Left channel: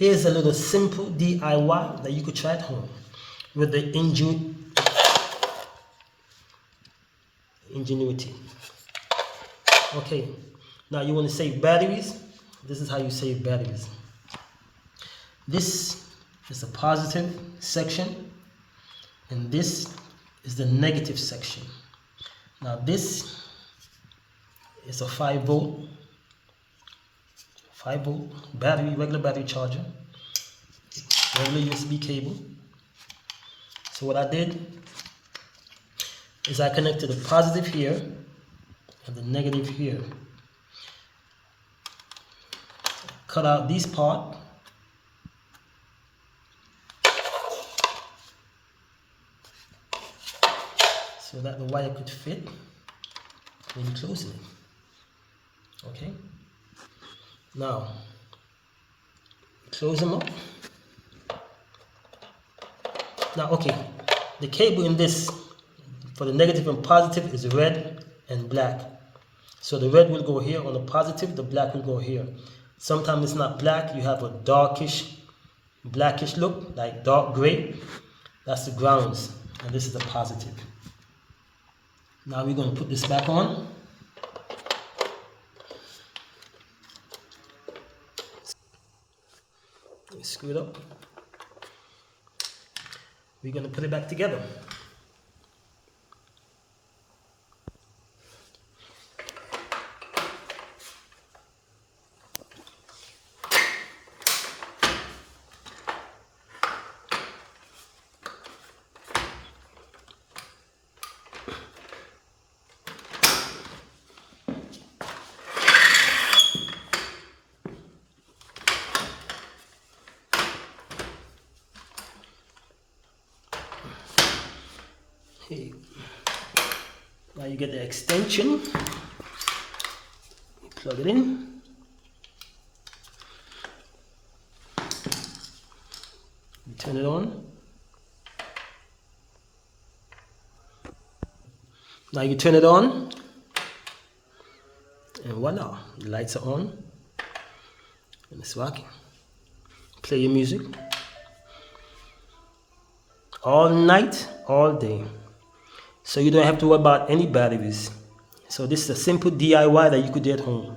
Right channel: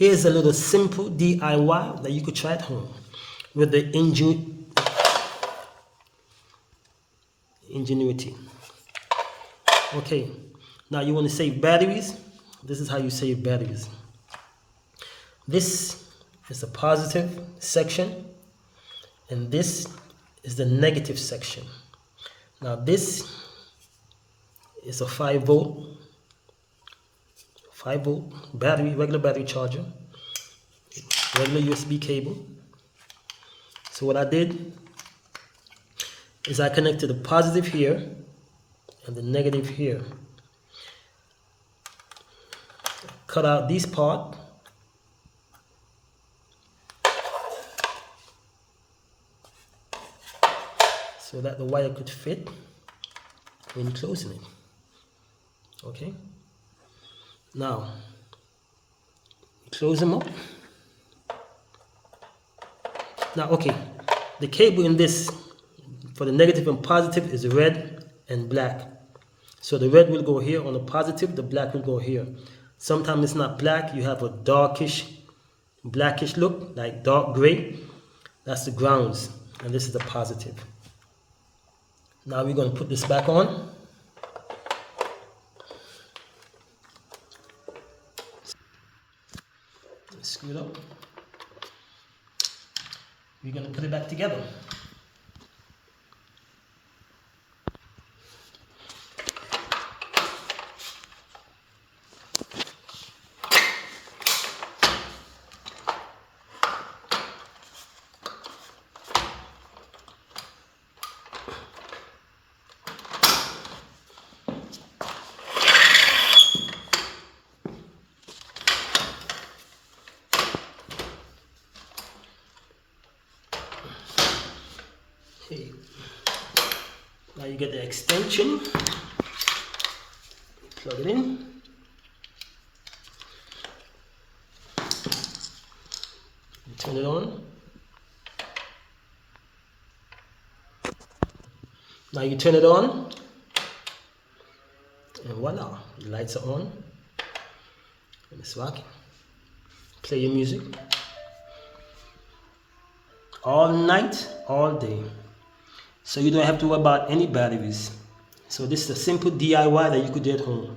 Here's a little simple DIY that you could try at home with the Ingenuity. Okay, now you want to save batteries. This is how you save batteries. This is the positive section, and this is the negative section. Now this is a 5 volt battery, regular battery charger, regular USB cable. So what I did is I connected the positive here and the negative here. Cut out this part. So that the wire could fit when closing it. Okay. Now, close them up. Now, okay, the cable in this for the negative and positive is red and black. So the red will go here on the positive, the black will go here. Sometimes it's not black, you have a darkish, blackish look, like dark gray. That's the grounds, and this is the positive. Now we're going to put this back on. Screw it up. We're going to put it back together. Okay. Now you get the extension, you plug it in, you turn it on. Now you turn it on, and voila, the lights are on, and it's working. Play your music all night, all day. So you don't have to worry about any batteries. So this is a simple DIY that you could do at home.